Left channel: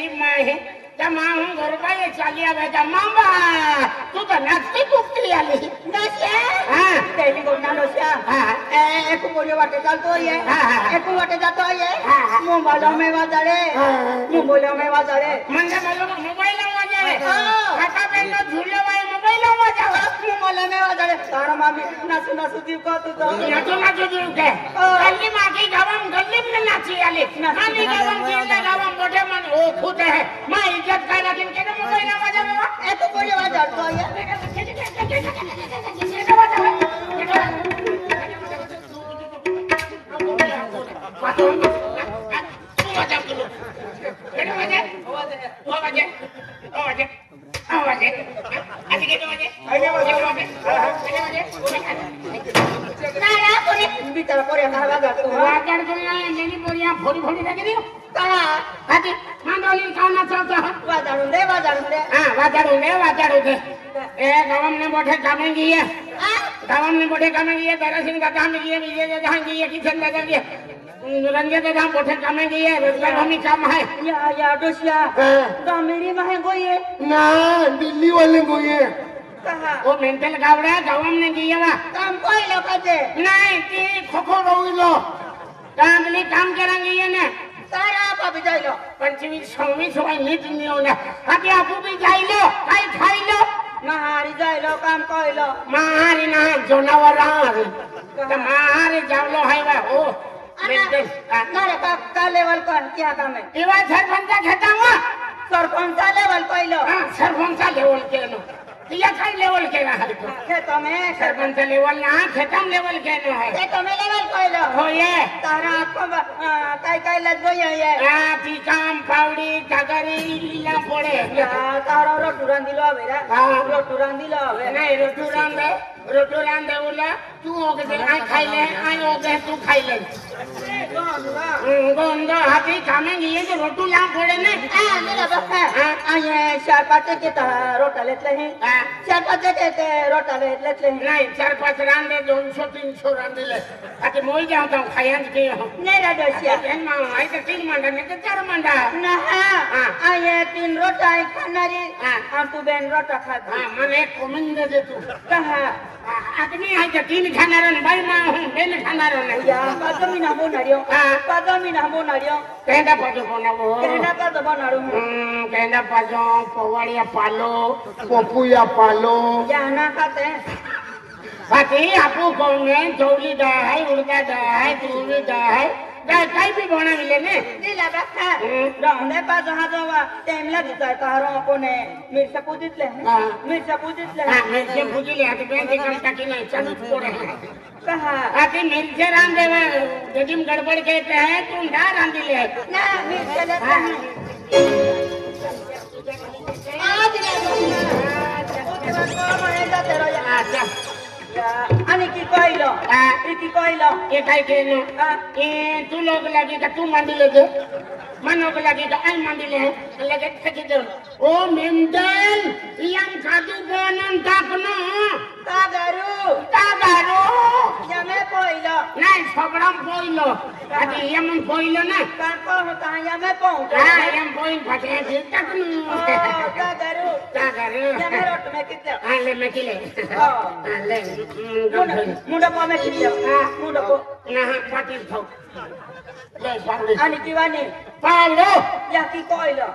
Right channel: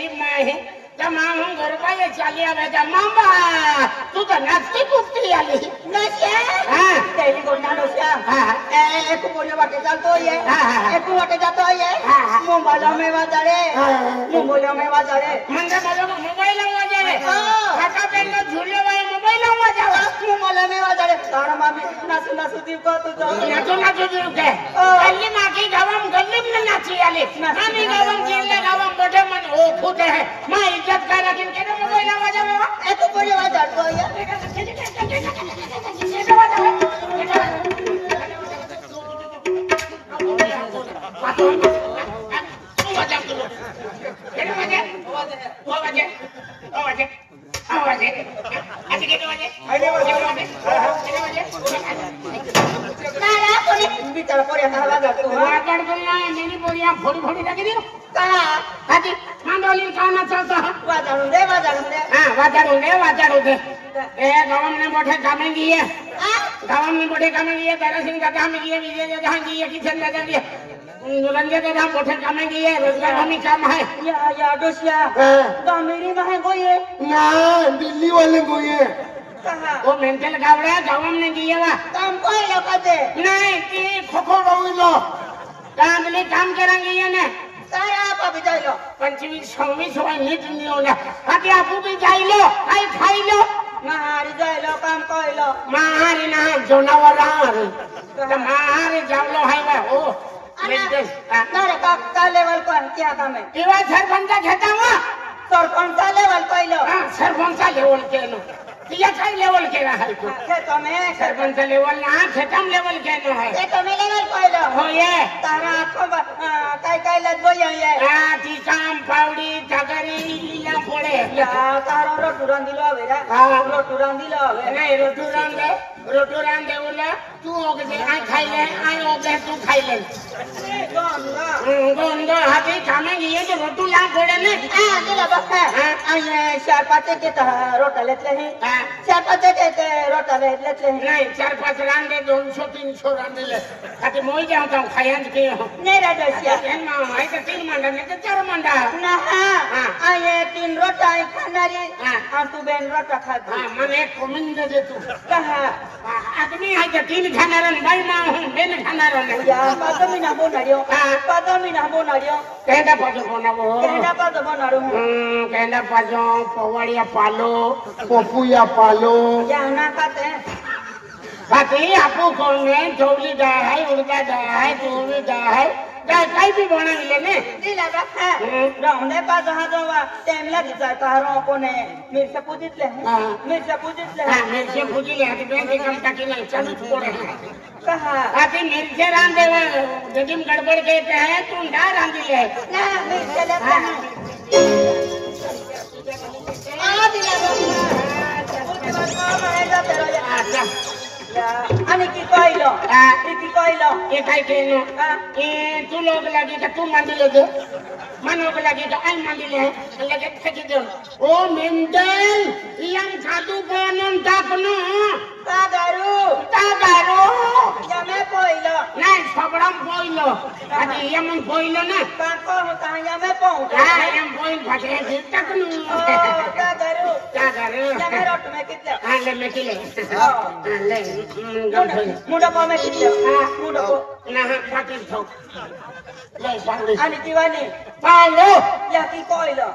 गरीब माँ है त्या माँ हम गोरबाई चाली आवे त्या मामा तू तो नाचती कुपती आली नशा हां तेरी गोना नशा हां एक गोरी वाटे चालतो ये एक वाटे जातो ये मोबाईल में वाजारे म्हणजे मला मोबाईल वाजारे काका बेलो झुरियो बाई मोबाईल वाजावा मोबाईल में वाजारे तर मामी नाचू दिव का तू नाचू दिव के अल्ली मागे गावम गल्ली में नाची आले आणि गावम जिल्हा गावम मोठे मन ओ फुटे है मैं इज्जत करा के मोबाईल वाजावा ए तू गोरी वाजातो ये रंगे दादा मोठे कामे गए रोजगार हमी काम है या डोसिया मेरी वहां गोये ना दिल्ली वाले गोये वो मेंटल गावड़ा गावम ने गया वा काम कोई लोकते नहीं ती खोखो रोइलो कामले काम करेंगे ये ना सारा आप भी जाइलो 25 26 नीट नियो ना आगे आप भी जाइलो काई खाइलो महारी जाइलो काम कोइलो महारी ना जनावरा महारी जावलो है वा ओ का लेवल पर क्या काम है इवा सरपंच घेता मा सरपंच लेवल पहिलो सरपंच लेवल केलो या काय लेवल केला है खेतो में सरपंच लेवल ना खेतम लेवल केलो है खेतो में लेवल पहिलो हो ये तारा को काय लजो ये ती काम पावडी तगरी लीला पडे तारो रोटुरान दिलो बेरा रोटुरान दिलो नहीं रोटुरान देवला तू ओगे आ खाइले आ ओगे तू खाइले गोंगा हाथी कामे ये जो रोटू ला पडे ने मेरा बक्का आये चार पाच के रोटा लेतले ही चार पाच के रोटा लेतले नहीं चार पाच रांदे 200 300 रांदे ले आते मोई जानता खायन के मेरा दोसिया ना आई तो 3 मंडा ने 4 मंडा ना आये 3 रोटा खानारी हम तू बेन रोटा खाती मने कोमिंद दे तू कहा आदमी आई तो 3 खानारे भाई ना बेन खानारे या पादमी ना बोनाडियो कहना पादो बनाड़ो कहना पादो पवाड़िया पालो पोपुया पालो या ना खाते खाते आपू कोने चोली दाई उड़का दाई चोली दाई काय भी बना मिले ने दिला रखा रोने पास हाथवा टाइम लगी सरकारों को ने मिर्चा पूजितले मिर्चा पूजिले हाथ बैंक अकाउंट की नहीं चालू छोड़े कहा अभी मिर्चे रान देवे जजिम गड़बड़ कहते हैं तुम ना रान दिले ना मिर्चा लगा आज ले अच्छा आणि की कहिलो ए काय केनो ए तू लोग लगे का तू मंदिले दे मनो को लगे का आई मंदिले लगे खची दे ओ मेंटल इयाम खादू बनन तापनो तागारू यामे पोइलो नहीं सबड़म पोइलो अदी यमन पोइलो ना काको होता यामे पो यम पोइन फटे तकनु तागारू यामे रोट में किते ले में किले ले मुड़ा पा में किते मुड़ा को ना फटे ठोक ले सांगी आणि दिवानी पालो या की कोइलो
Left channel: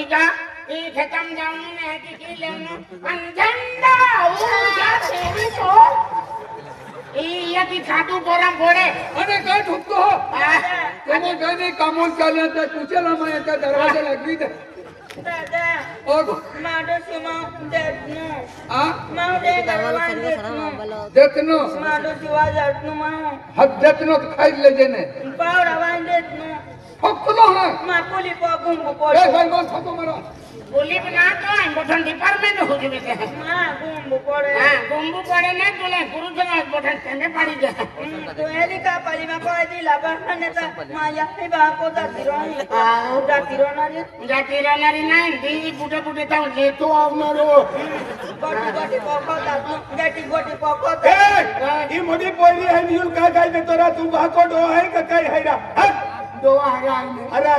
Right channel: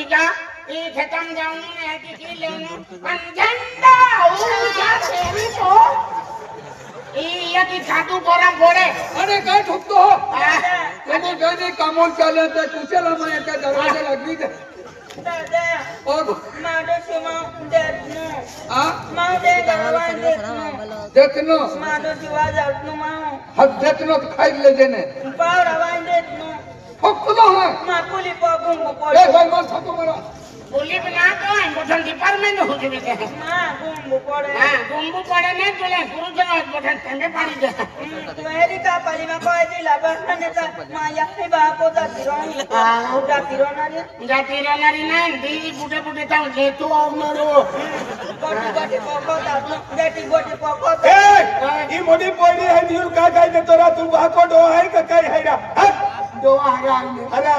इका ई खतम जाऊन ने की लेनो पंजंदा ओ या तेरी तो ई या की खादू बोरा बोरे अरे काय ठुकतो हो कोणी गणी कामोल चालले तर कुशला माय का दरवाजा लागली दे ओ माडो सीमा देतनो माडे दरवाजा देतनो माडो जीवा देतनो हद देतनो खाई ले देने पार आवाज देतनो ठुकतो हा माकुली पगुंग पोरे ए भाई बोल ठुको मेरा बोली बना तो बटन डिपार्टमेंट हो गए थे हां गुंबू पड़े ने तुले गुरु जवाब बटन ठंडे पानी दे तो एली का पाली में कोई दिला बस ने तो माया से बा को ता तिरोनी जातिरोनारी ना दी बुटे बुटे तंग ले तो मेरो गोटी को ए ई मोडी पोरी है न्यू का काय दे तोरा तू बा को दो है का काय है रा दो अरे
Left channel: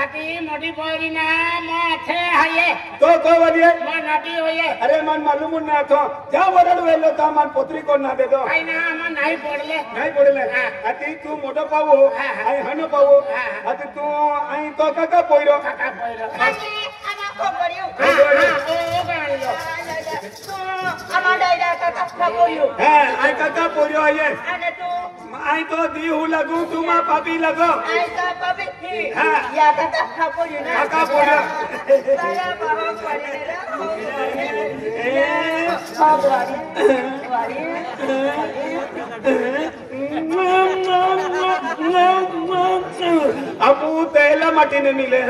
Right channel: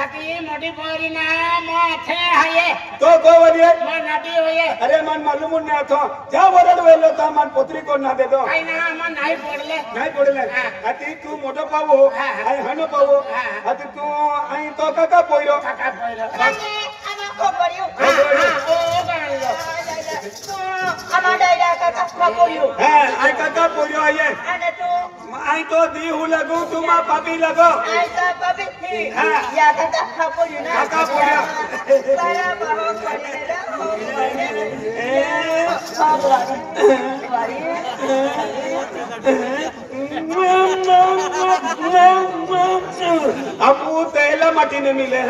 अति मोटी बोरी ना माथे है तो वने मन नटी होये अरे मन मालूम नहीं था जा वरड वेलो तो मन पुत्री को ना दे दो आई ना मन नहीं पडले अति तू मोठो पावो आई हनो पावो अति तू आई तो काका पोयो अरे आमा को करियो आमा डायरा काका पोयो आई काका पोयो आये आई तो दी हूँ लगू तुम पापी लगो आई का पापी या काका पोयो ना काका पोयो अब वो पहला मटी न मिले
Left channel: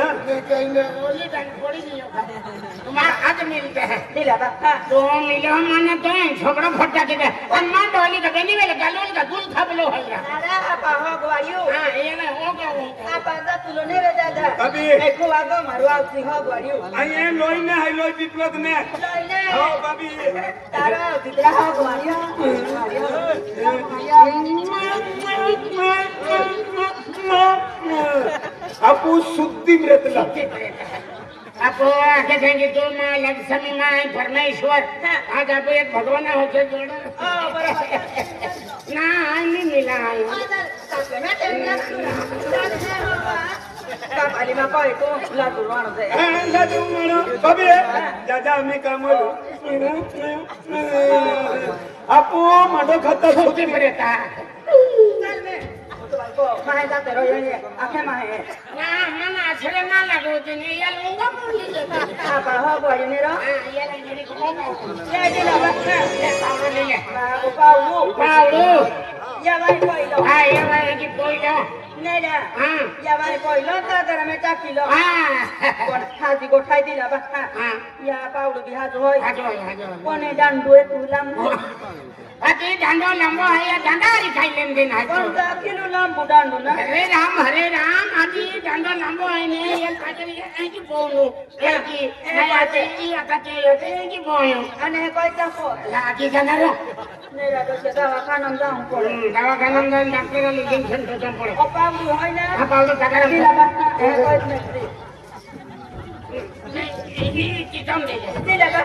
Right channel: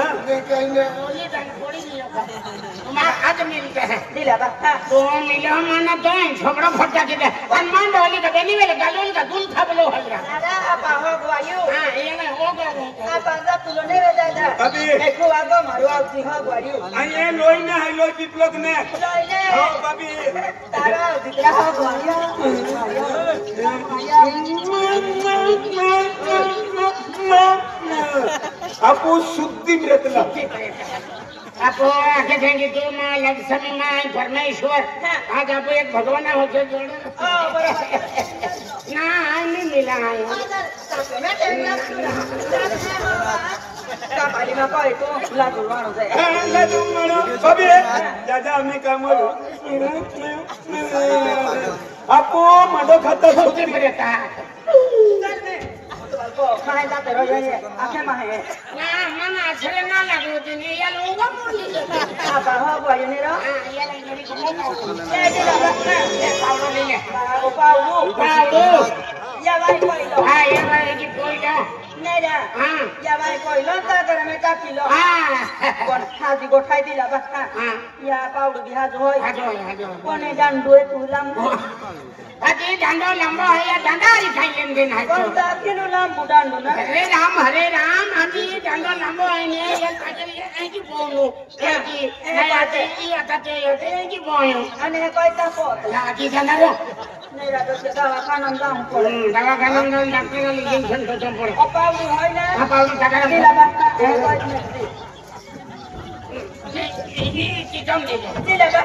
हाँ आज मिलते हैं दिला बा तो मिलो माने तो झगड़ा फटा के मान डाली का बेली वाले गालोल का गुल था बोलो हल्ला अरे आपा हो गयो हां ये ना हो गयो आपा दा तुलो ने रे दादा अभी देखो आगो मारो आउती हो गयो आई ये लोई ना है लोई पिपलक ने लोई ने हो बाबी तारा दिला हो गयो आपू शुद्धि रेतला आपको आके कहेंगे तो माँ लक्ष्मी माँ परमेश्वर आज आप एक भगवान होके जोड़ो ना नहीं मिला आपको मडो खाता छोटी पड़ता माहे जाते रहो ये आखे माहे ना मन आछरे ना लागो दिने या लोंगा मुली आपा हो गयो ने रो या लंगड़ी को ना ले दिला ये पाउडो ले ले पाउडो या भाई कोई लो हां या भाई की कोई का नहीं ना हां या भाई कोई लो ता कर में का किलो हां कोन हाजी को खाई दिला बा हां या पाउडो बिहा जो हाजो कोने डांडो तुलम अति डांडो लंबा है या डांडारी खाई लेन दिन है कोन ता किलो लंबा डांडो ना हरे राम आजी डांडो लंबो है ने ये काटरी है की बोलो है की नहीं आते ई आते ये की बोलो अने कोई ता को लागी जाना रो नहीं रा तो दवाखाना जाऊं पड़े दवाखाना में डॉक्टर ने इंजेक्शन तो पड़े ओ पाउडू है ना हां पाउडू तगड़ा दिला बा है कोई नहीं चिकन ले ले दिला बा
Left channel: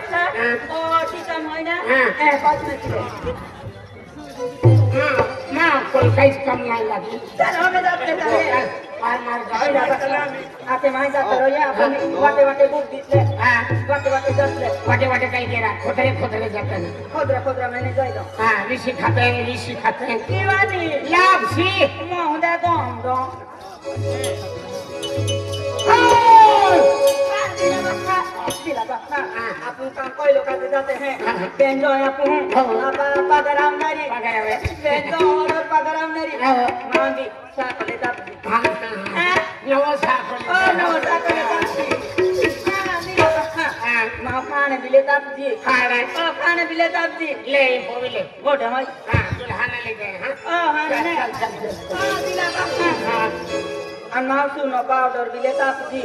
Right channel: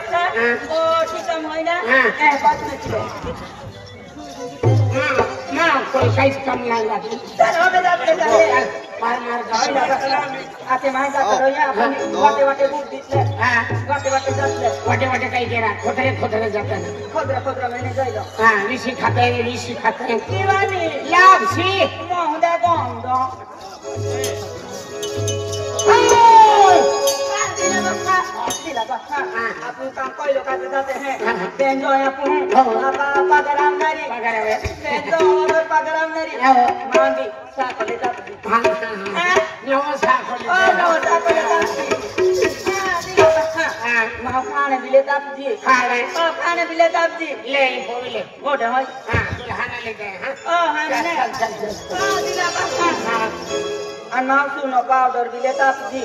ओ चिकन है ना है कोई नहीं मां कोई साइज कम नहीं लगी चलो मैं जाते हैं मार आके माई का करो या अपने वाटे दूध दिले हां वाटे जाते वाटे कहीं देना खोदरे जाते ना खोदरा मैंने जाइलो हां ऋषि खाते दीवानी लापसी मोहदा गोंदो दिला बक्का अपन काम कोई लोग करते जाते हैं बेंजो अपन पगराम नारी बेंजो और पगराम नारी मांदी साफ ले जाते हां नो साफ ले दिला बक्का मां खाने बिले ताजी खाने बिले ताजी ले बोले बोटा है हां दुल्हन ले गए हां हां दिला बक्का अनाम सुनो पाउडर भी लेता जी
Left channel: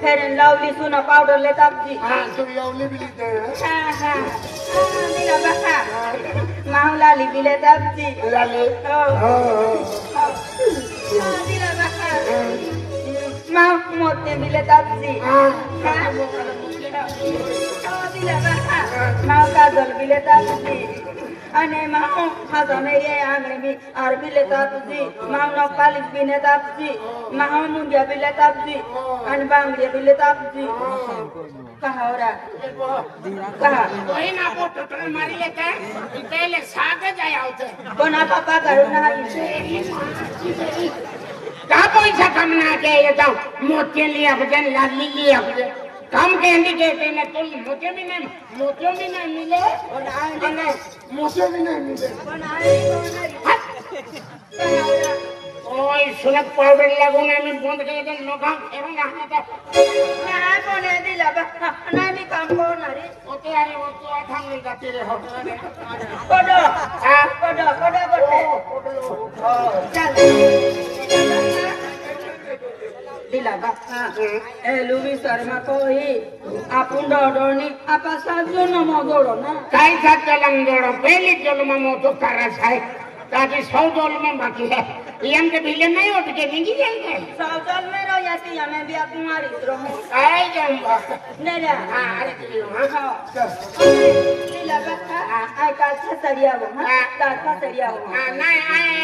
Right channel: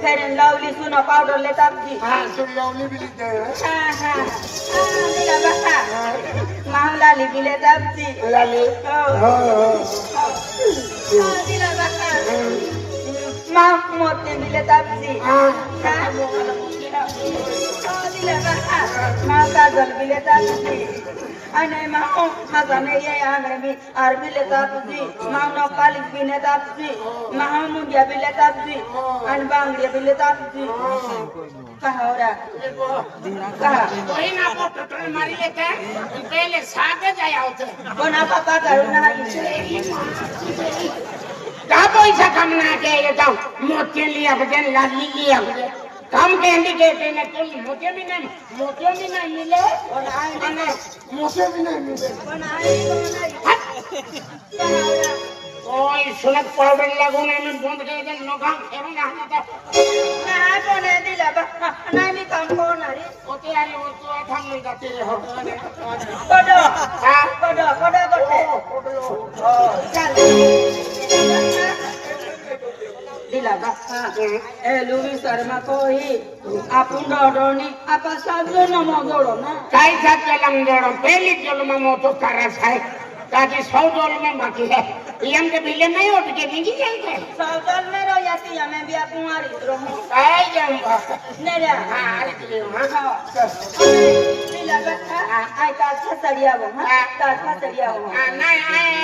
फेयर एंड लवली सुनो पाउडर लेता जी हां तुम लवली भी लेते हां दिला बक्का मामला ली भी लेता जी लाली दिला बक्का मां मोते भी लेता जी हां दिला बक्का मां काजल भी लेता जी अने मां हजाने ये आंगने में आर भी लेता जी मां पालिश भी लेता जी मां मुंडिया भी लेता जी अन बांगड़िया भी लेता जी कहा हो रहा कहा वही ना को टोटल मारी लेता है पहले सागे जाया होते बना पापा करो ना का पैसा कम ना के ये तो मोती लिया बजन लाली लिया काम के इंडिकेटर ने तुम मोती भी नहीं मिले और आंगन में मोती भी नहीं मिले और ओए सुनत पाउडर लगुने में बंद के दे नोका खेरो ना ना बोले दिला नहीं भी काम को ना रे ओते आले वो तो थाम नहीं जाते रे हो बड़ा हां बड़ा करते चल दिला बक्का ए लुवी शर्मा कोई आपण डोडोनी आपा साजू न मोदोडो ना काय साथ केलम जोडो पहली जन्म में तो करास है ताकि 100 डॉलर में बाकी है यम के बिल नहीं उठ के नहीं जाएंगे साल में रो या ती हमें भी कुमारी रहूं आई जाऊंगा नहीं रे हां अरे हां लीला बता आई का छसरिया वो हां का छसरिया वो नहीं आए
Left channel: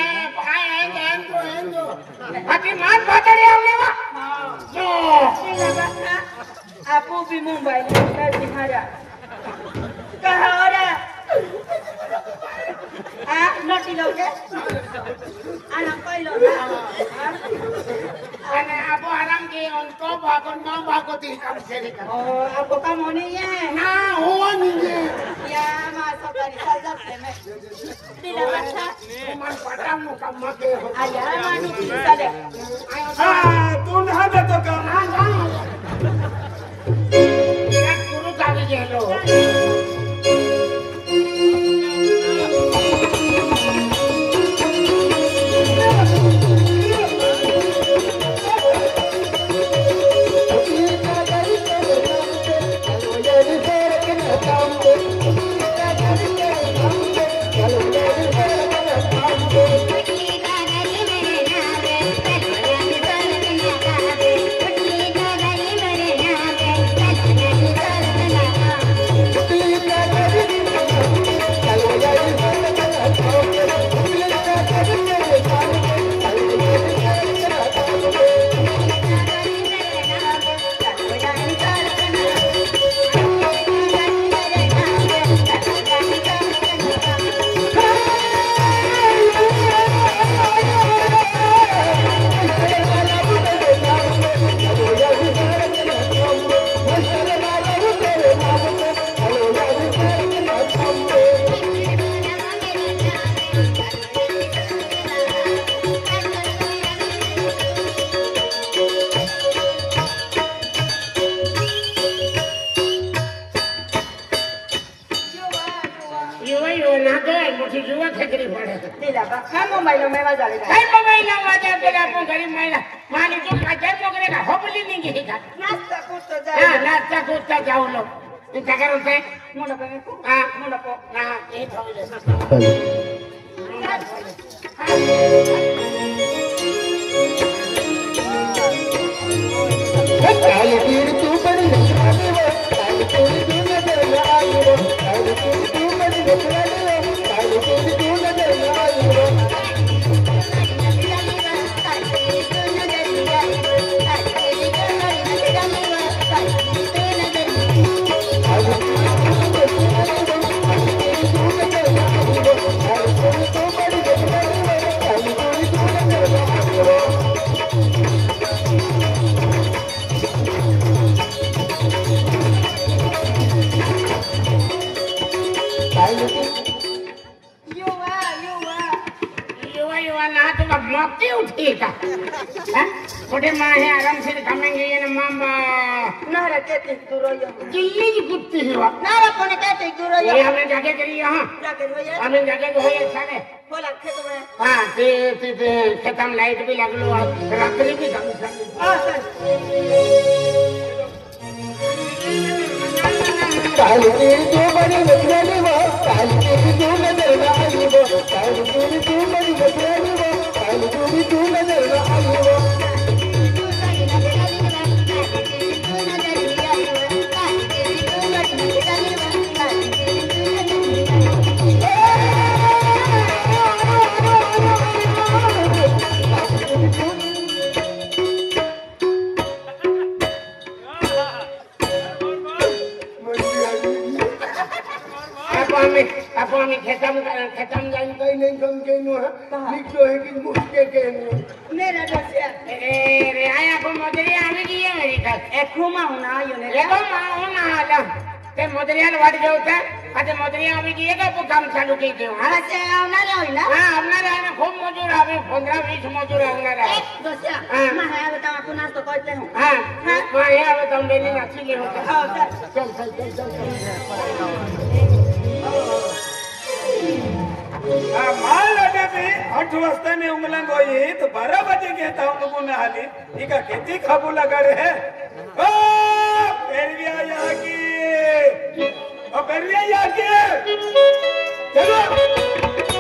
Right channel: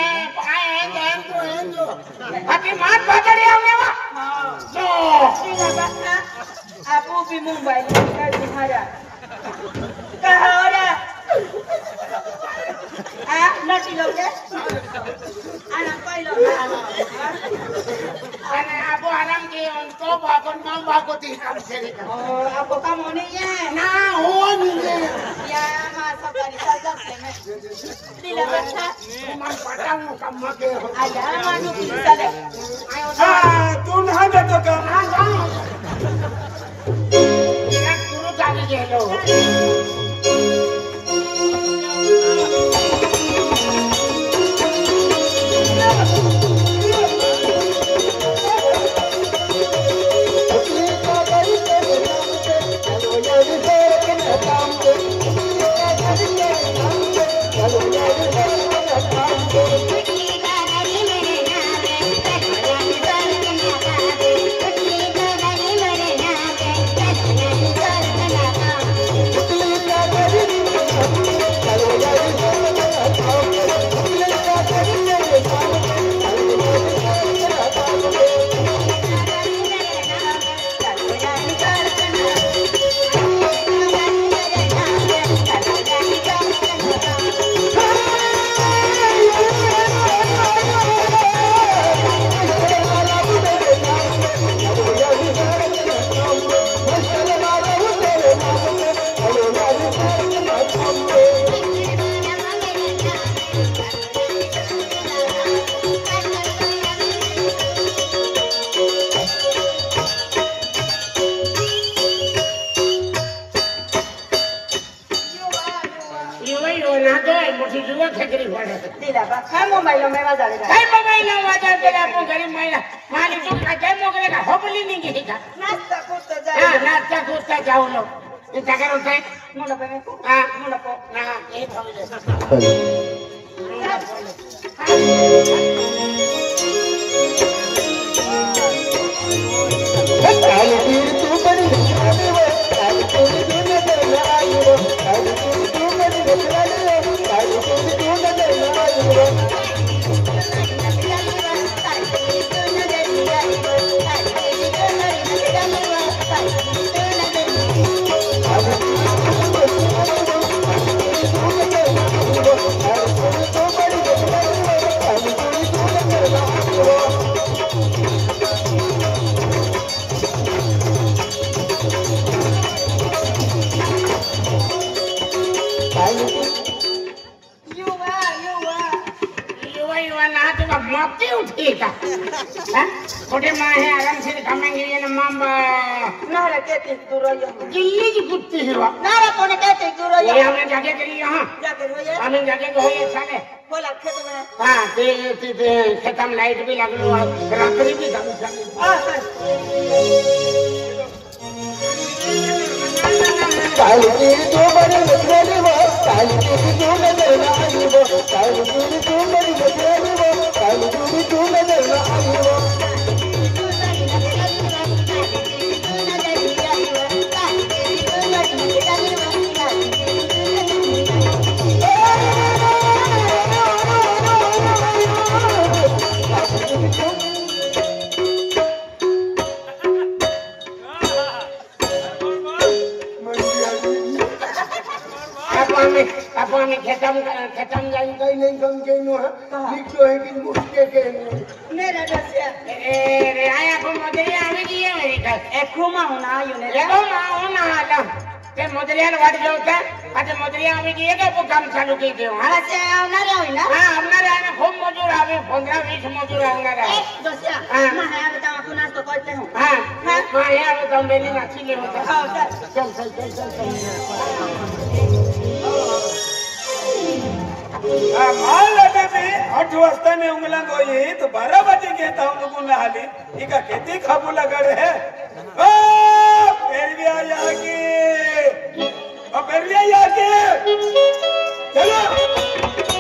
अभी मार पकड़े हमने वो लीला बता आप भी मुंबई में तुम्हारा कहां हो रहा हां नोटी लोगे anak koy lo ana aku alam ke unto bakon mang bako ti kam seri ka oh ako ka mo ni ye na huon ye ya masuk dari sajak leme tidak baca man patang mo kam make ho ada manu bisa deh ayo तू ना तो का ya guru kali gelo चलो